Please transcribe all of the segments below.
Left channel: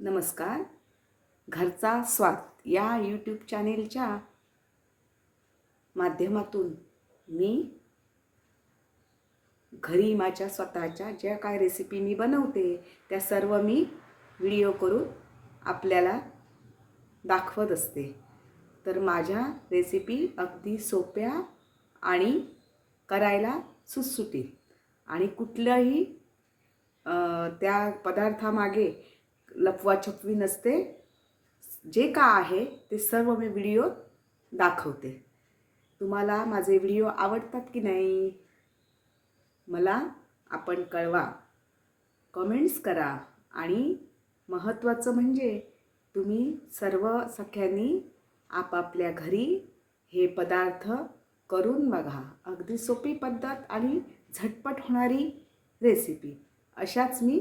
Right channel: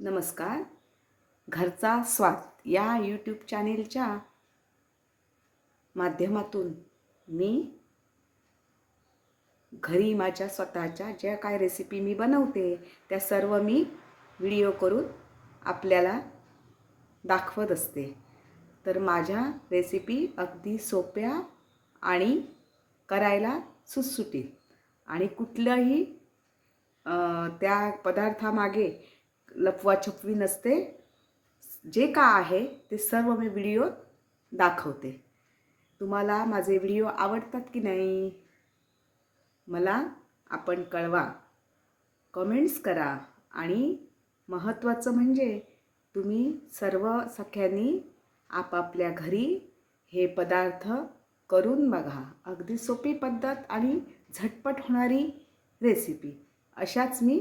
नमस्कार. घरचा स्वाद या यूट्यूब चॅनेलच्या माध्यमातून मी घरी माझ्या स्वतःच्या ज्या काय रेसिपी मी बनवते त्या सर्व मी व्हिडिओ करून आपल्याला दाखवत असते. तर माझ्या रेसिपी अगदी सोप्या आणि करायला सुटसुटीत आणि कुठल्याही त्या पदार्थामागे लपवाछपवी नसते. जे का आहे ते सर्व मी व्हिडिओ दाखवते. तुम्हाला माझे व्हिडिओ आवडतात की नाही मला आपण कळवा, कमेंट्स करा. आणि महत्त्वाचं म्हणजे तुम्ही सर्व सख्यांनी आपापल्या घरी हे पदार्थ करून बघा. अगदी सोपी पद्धत आणि झटपट होणारी रेसिपी अशाच मी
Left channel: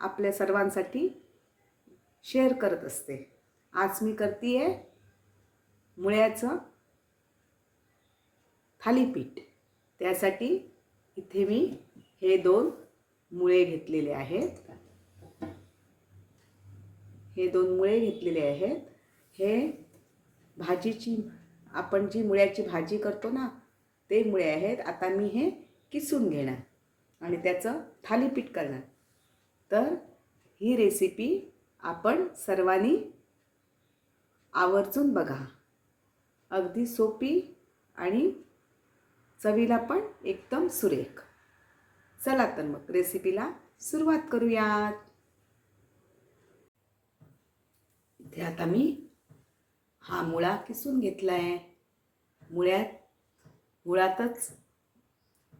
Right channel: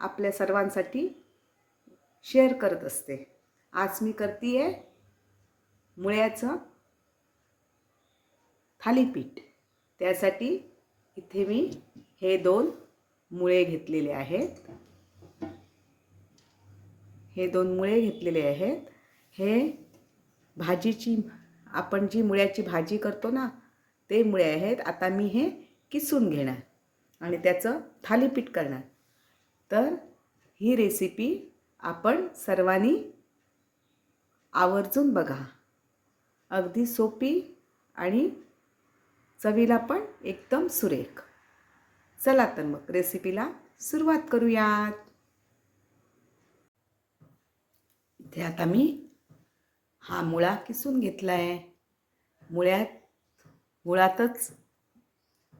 आपल्या सर्वांसाठी शेअर करत असते. आज मी करते मुळ्याचं थालीपीठ. त्यासाठी इथे मी हे 2 मुळे घेतलेले आहेत. हे भाजीची आपण जी मुळ्याची भाजी करतो ना ते मुळे आहेत. आता मी हे किसून घेणार आणि त्याचं थालीपीठ करणार. तर ही रेसिपी आपण सर्वांनी आवर्जून बघा. अगदी सोपी आणि चवीला पण एकदम सुरेख. चला तर मग रेसिपीला सुरुवात करूयात. इथे आता मी हा मुळा किसून घेतला आहे. मुळातच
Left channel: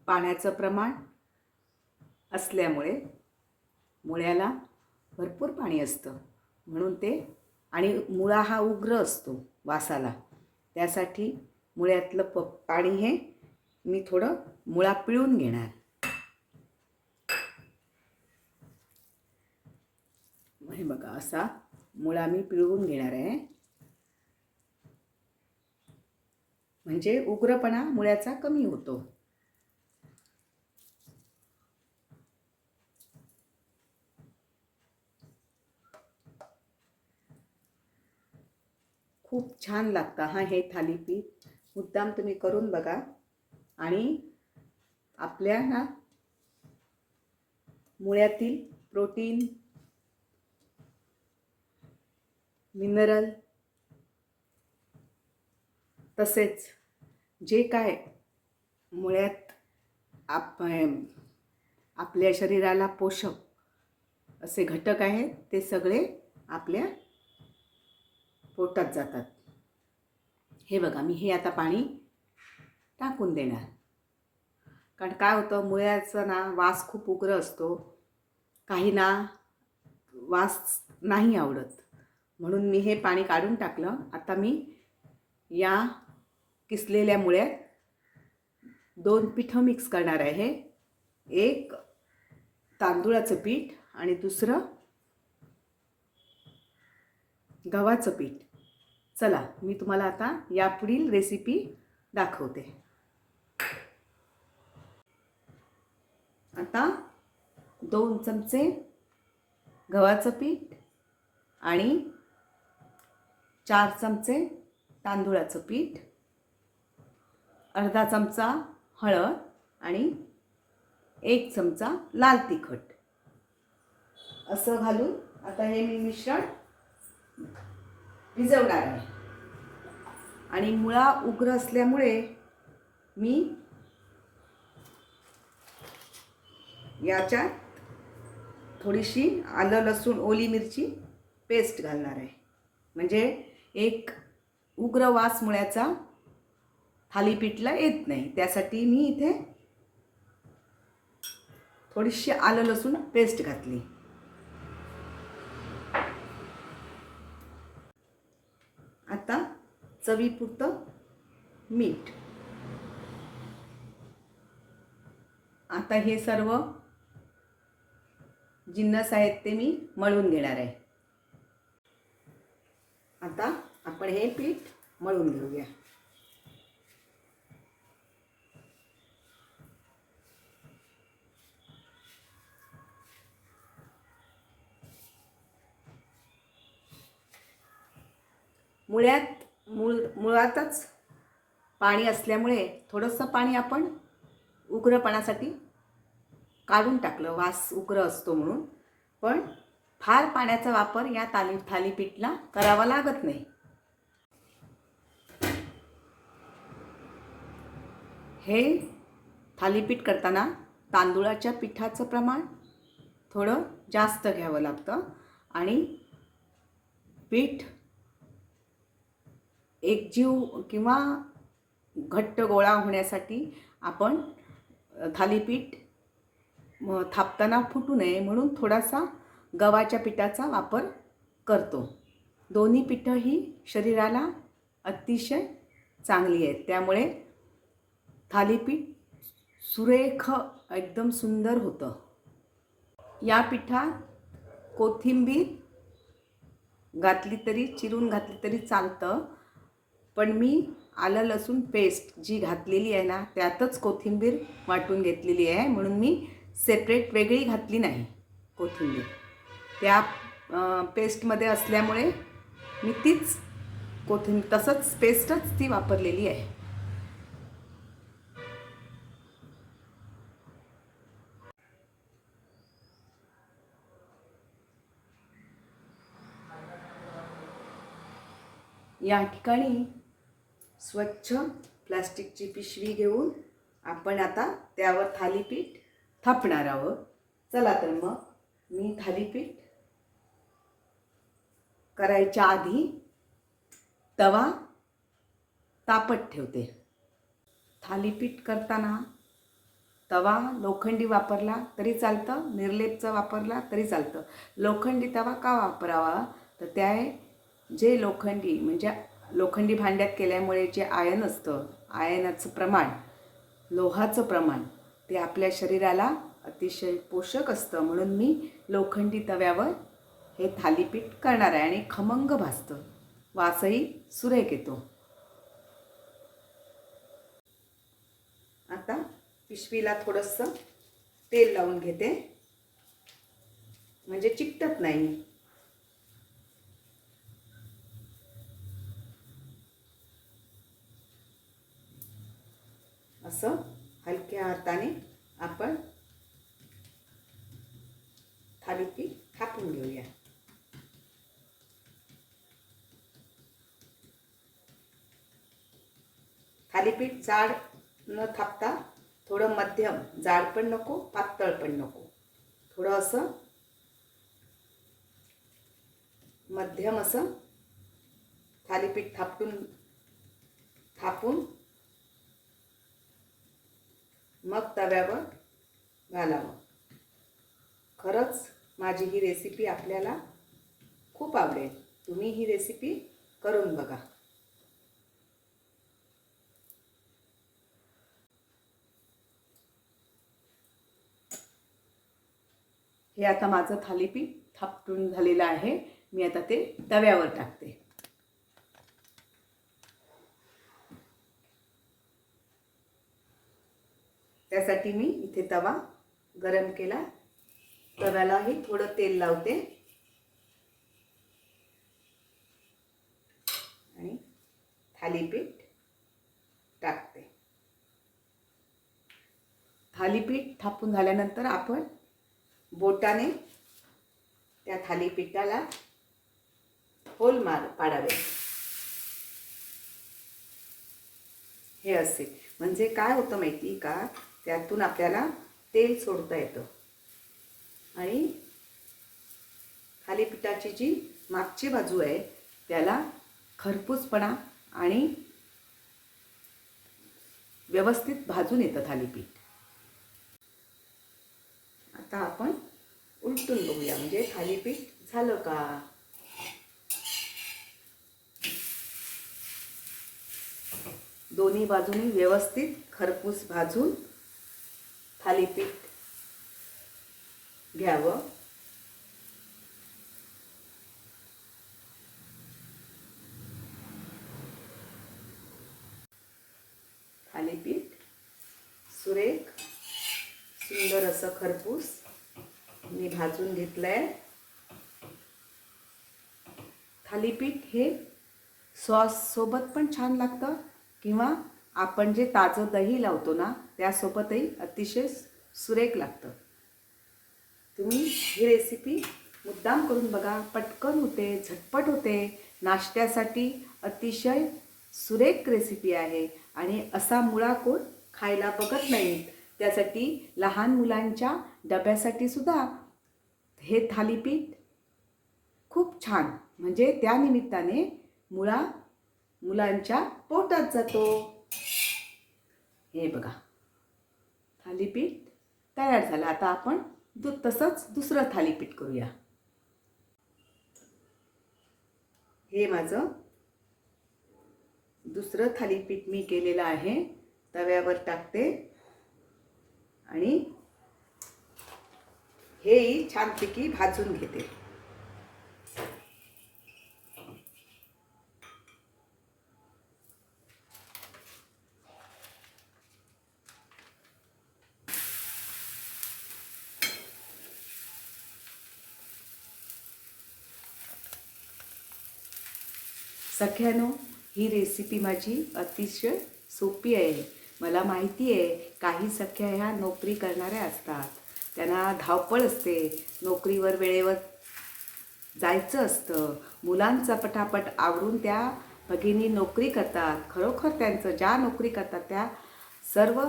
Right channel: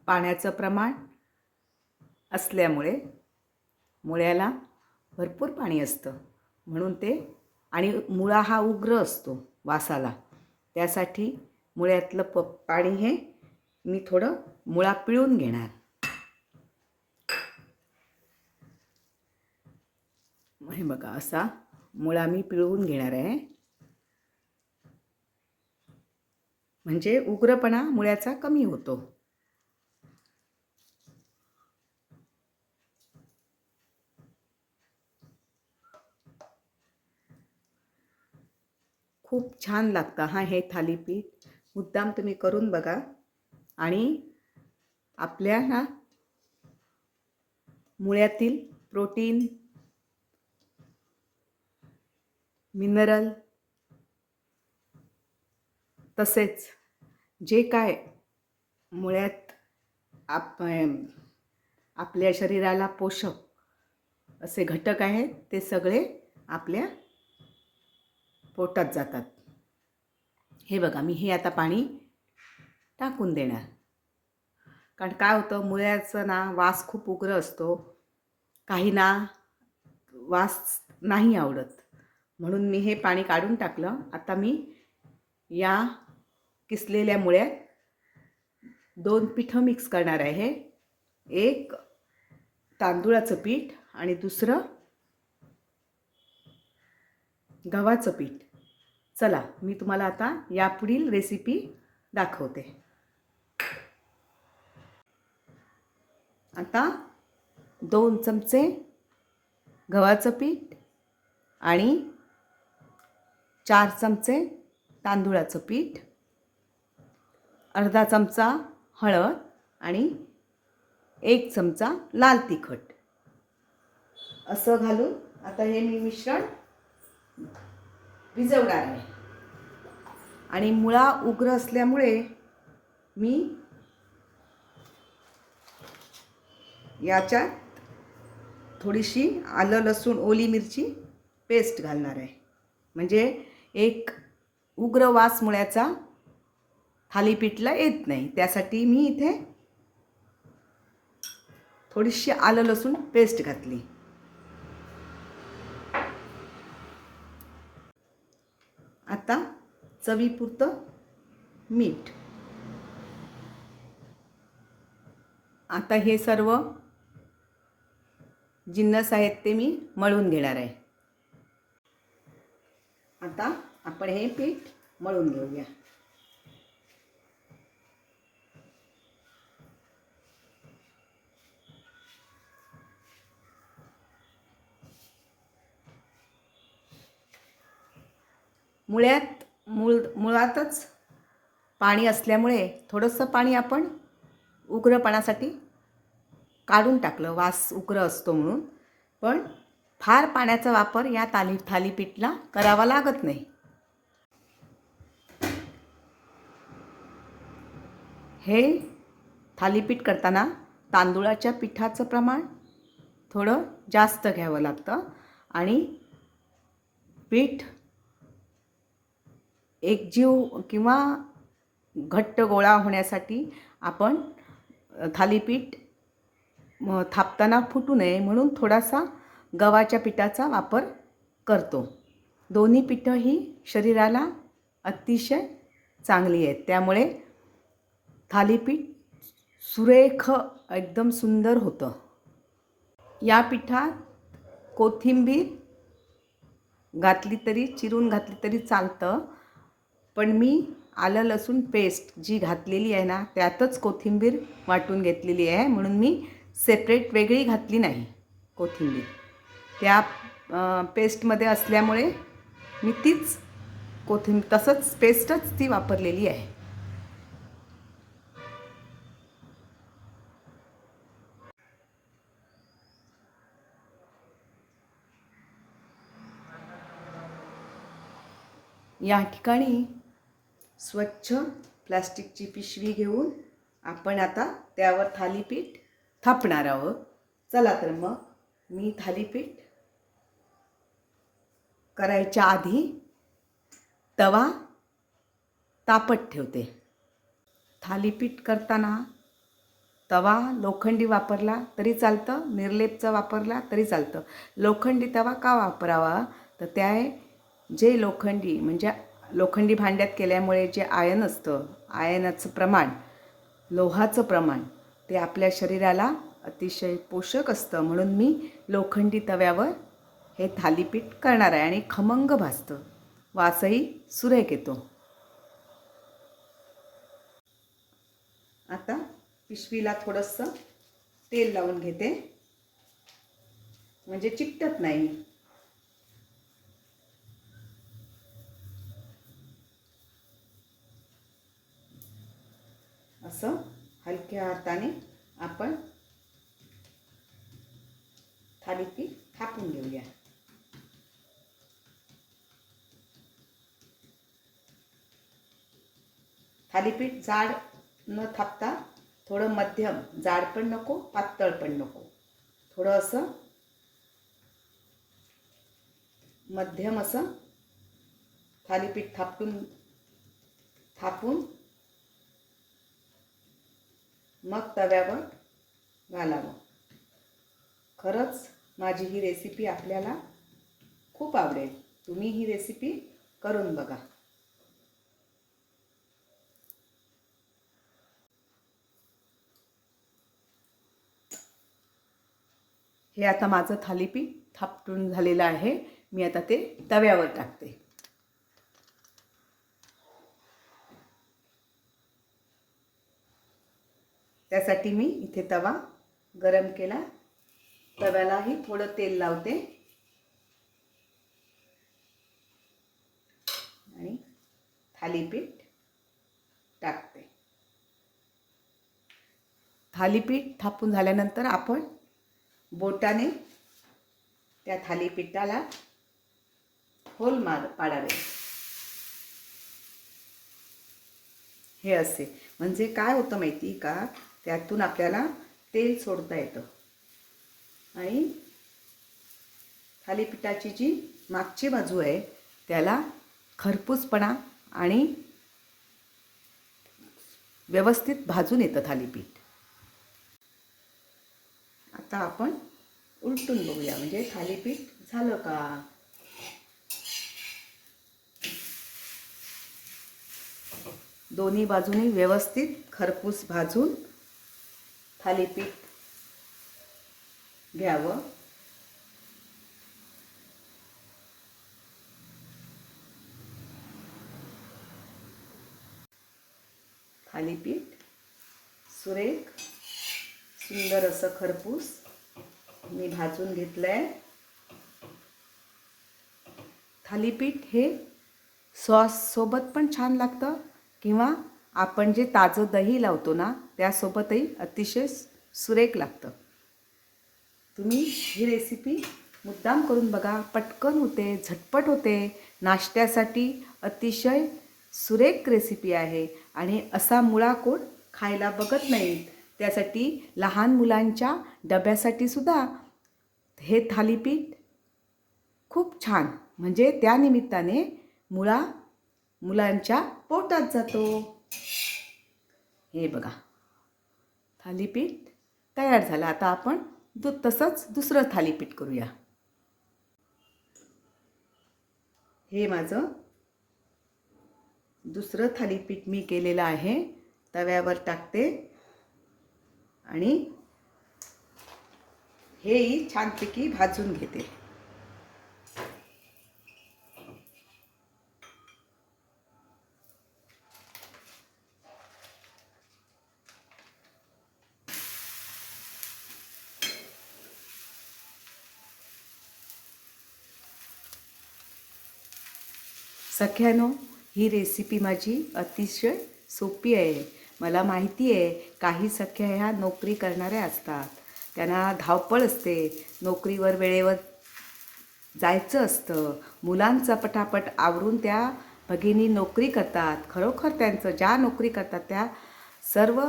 पाण्याचं प्रमाण असल्यामुळे मुळ्याला भरपूर पाणी असतं म्हणून ते, आणि मुळा हा उग्र असतो वासाला, त्यासाठी मुळ्यातलं पाणी हे मी थोडं मुळा पिळून घेणार. हे बघा असा मुळा मी पिळवून घेणार आहे. म्हणजे उग्रपणा मुळ्याचा कमी होतो. खूप छान लागतं हे थालीपीठ. मुद्दाम तुम्ही करून बघा. आणि आपल्या मुळ्यातील प्रोटीन, मिनरल तसेच जे काय मुळ्यात आपल्या शरीराला पोषक असे घटक आहेत ते सगळे आपल्या पोटात जातात. हे बघा मी हे आता पाणी टाकून देणार. कारण काय होतं, मुळ्याचं वास खूप उग्र असतो. काहींना वास नाही आवडत म्हणून मी हे पाणी काढून टाकलं. आता मी या किसलेल्या मुळ्यात 2 पिठं मिक्स करणार आहे. एक तांदूळाचं पीठ आणि दुसरं गव्हाचं पीठ. चला मी तुम्हाला आता यापुढील रेसिपी दाखवते. आता 2 चमचे गव्हाचं पीठ आणि 4 चमचे तांदूळाचं पीठ, अर्धा चमचा हळद आणि 1 चमचा लाल तिखट असं घालून आता हे मी मिश्रण भिजवणार आहे. आणि मुळा उग्र असल्यामुळे मी याच्यात थोडीशी आलं लसूण ओली मिरची पेस्ट घालणार आहे. म्हणजे एक उग्र वास मुळ्याचा थालीपीठला येत नाही, त्यासाठी मी इथे थोडीशी आलं लसूण पेस्ट घातली. आता चवीपुरतं मीठ. आता हे सर्व जिन्नस आहेत ते मी मळून घेणार आहे. आता आपण हे पीठ मळून घेऊया. मुळातच पाणी असल्यामुळे थोडंसं पाणी आपण उग्रपणासाठी काढून टाकलं, वास उग्र असतो म्हणून. पण फार पाण्याचा वापर या थालीपीठला करावा लागत नाही. हे थालीपीठ करताना तांदूळाच्या पिठाचं प्रमाण थोडं जास्त घ्यावं लागतं आणि पीठ एकजीव किंवा घट्ट गोळा होण्यासाठी आपण थालीपीठ थापताना फुटू नये म्हणून थोडासा गव्हाच्या पिठाचा वापर करतो. दोन्ही पिठं ही शरीराला अतिशय चांगली आहेत, त्यामुळे थालीपीठ सुरेख एकदम सुंदर होतं. या पिठात कोथिंबीर घातली तरी, चिरून घातली तरी चालतं, पण मी आलं लसूण पेस्ट जी घातलेली आहे ना, त्यातच कोथिंबीर वाटून घेतलेली आहे, म्हणून मी सेपरेट वेगळी घातली नाही कोथिंबीर. त्या पेस्टमध्ये असल्यामुळे मी तीच कोथिंबीर तसंच पेस्टच ती वापरलेली आहे. या ठिकाणी स्वच्छ प्लास्टिकची पिशवी घेऊन आपण आता त्यावर थालीपीठ थापणार आहोत. चला तर मग मी थालीपीठ करायच्या आधी तवा तापत ठेवते. थालीपीठ करताना तवा लोखंडी वापरला तरी चालतं, निर्लेपचा वापरला तरी चालतं. लोखंडी तवा का वापरावा, तर त्या जे लोखंडी भांड्यात केल्यामुळे जे आयन असतं, आयनाचं प्रमाण, लोहाचं प्रमाण, ते आपल्या शरीराला अतिशय पोषक असतं. म्हणून मी लोखंडी तव्यावर हे थालीपीठ करणार आहे आणि खमंग भाजतं, वासही सुरेख येतो. आता पिशवीला थोडंसं तेल लावून घेते, म्हणजे चिकटत नाही. असं हलक्या हाताने आपण थालीपीठ थापून घेऊया. थालीपीठ जाड न थापता थोडं मध्यम, जाड पण नको, पातळ पण नको, थोडं असं मध्यम असं थालीपीठ थापून मग तव्यावर घालावं. खरंच माझी ही रेसिपी आपल्याला खूप आवडेल. तुम्ही ही रेसिपी करून बघा. हे आता माझं थालीपीठ थापून झालेलं आहे. मी आता ते तव्यावर टाकते. त्यासाठी मी इथे तवा गरम केला. तव्यालाही थोडं तेल लावते आणि थालीपीठ टाकते. थालीपीठ थापून झाल्यानंतर आपण बोटाने त्या थालीपीठाला होल पाडावे. हे असे म्हणजे काय होतं माहिती का, त्यातून आपल्याला तेल सोडता येतं आणि थालीपीठाची जी मागची बाजू आहे त्याला खरपूसपणा आणि व्यवस्थित भाजून येतं थालीपीठ. आता आपण उलटून बघूया, म्हणजे थालीपीठ झालं का. दोन्ही बाजूनी व्यवस्थित खरपूस भाजून थालीपीठ घ्यावं. थालीपीठ सुरेख सुंदर असं खरपूस मी भाजून घेतलंय. थालीपीठ हे सॉससोबत पण छान लागतं किंवा आपण जे ताजं दही लावतो ना त्यासोबतही अतिशय सुरेख लागतं. तुम्ही ही रेसिपी मुद्दाम करून बघा. पटकन होते, झटपट होते, नाश्त्यासाठी अतिशय सुरेख रेसिपी आहे. आणि असा मुळा कोण खायला बघत नाही. त्यासाठी लहान मुलांच्या डब्यासाठी सुद्धा हे थालीपीठ खूप छान. म्हणजे त्यानिमित्ताने मुळा मुलांच्या पोटात जातो. हे बघा, थालीपीठ तयार झालं. आता आपण तसंच दुसरं थालीपीठ करूया. हे माझं दुसरं थालीपीठ मी केलेलं आहे. तव्यावर टाकते आणि हेही छानपैकी भाजून घेते. सख्यानो, ही रेसिपी माझी अतिशय सोपी आहे. मला माहिती आहे काही सख्या ह्या नोकरी करणाऱ्या असतात, त्यांना धावपळ असते, नोकरीवर वेळेवर जायचं असतं, मुलांचं पटापट आवरून त्या भगिनी नोकरी करतात. खरोखर त्यांचं ज्या नोकरी करतात त्या सर्व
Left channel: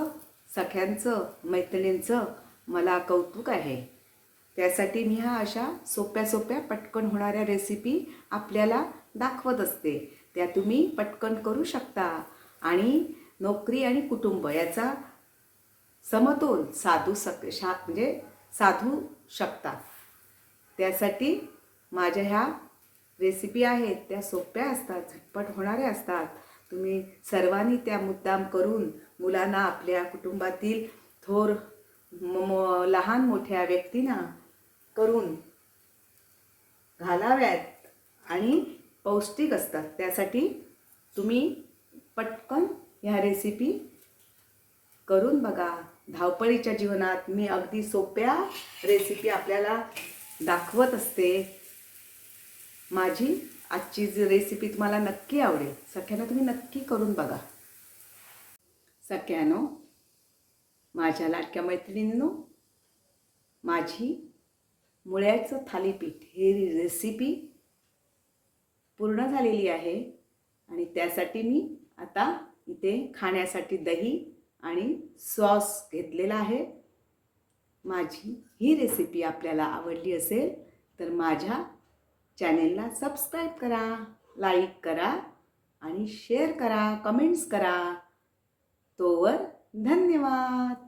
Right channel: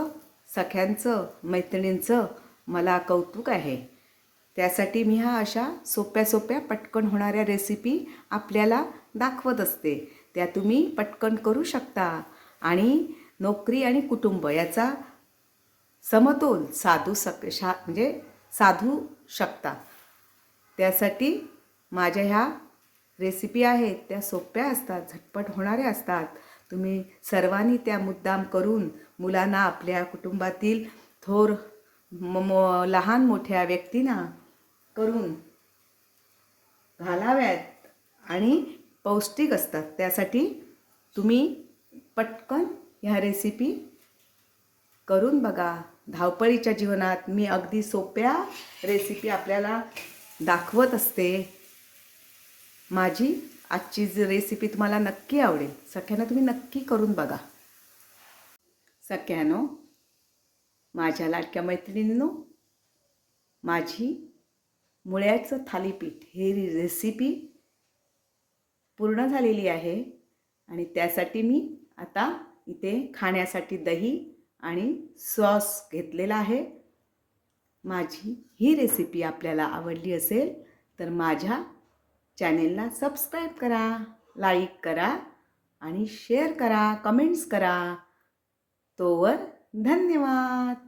सख्यांचं मैत्रिणींचं मला कौतुक आहे. त्यासाठी मी अशा सोप्या सोप्या पटकन होणाऱ्या रेसिपी आपल्याला दाखवत असते. त्या तुम्ही पटकन करू शकता आणि नोकरी आणि कुटुंब याचा समतोल म्हणजे साधू शकता. त्यासाठी माझ्या ह्या रेसिपी आहेत त्या सोप्या असतात, झटपट होणाऱ्या असतात. तुम्ही सर्वांनी त्या मुद्दाम करून मुलांना, आपल्या कुटुंबातील थोर लहान मोठ्या व्यक्तींना करून घालाव्यात आणि पौष्टिक असतात. त्यासाठी तुम्ही पटकन ह्या रेसिपी करून बघा. धावपळीच्या जीवनात मी अगदी सोप्या रेसिपी आपल्याला दाखवत असते. माझी आजची रेसिपी तुम्हाला नक्की आवडेल. सगळ्यांना तुम्ही नक्की करून बघा. सगळ्यांनो, माझ्या लाडक्या मैत्रिणींनो, माझी मुळ्याचं थालीपीठ ही रेसिपी पूर्ण झालेली आहे आणि त्यासाठी मी आता इथे खाण्यासाठी दही आणि सॉस घेतलेला आहे. माझी ही रेसिपी आपल्याला आवडली असेल तर माझ्या चॅनेलला सबस्क्राईब करा, लाईक करा आणि शेअर करा, कमेंट्स करा. तोवर धन्यवाद.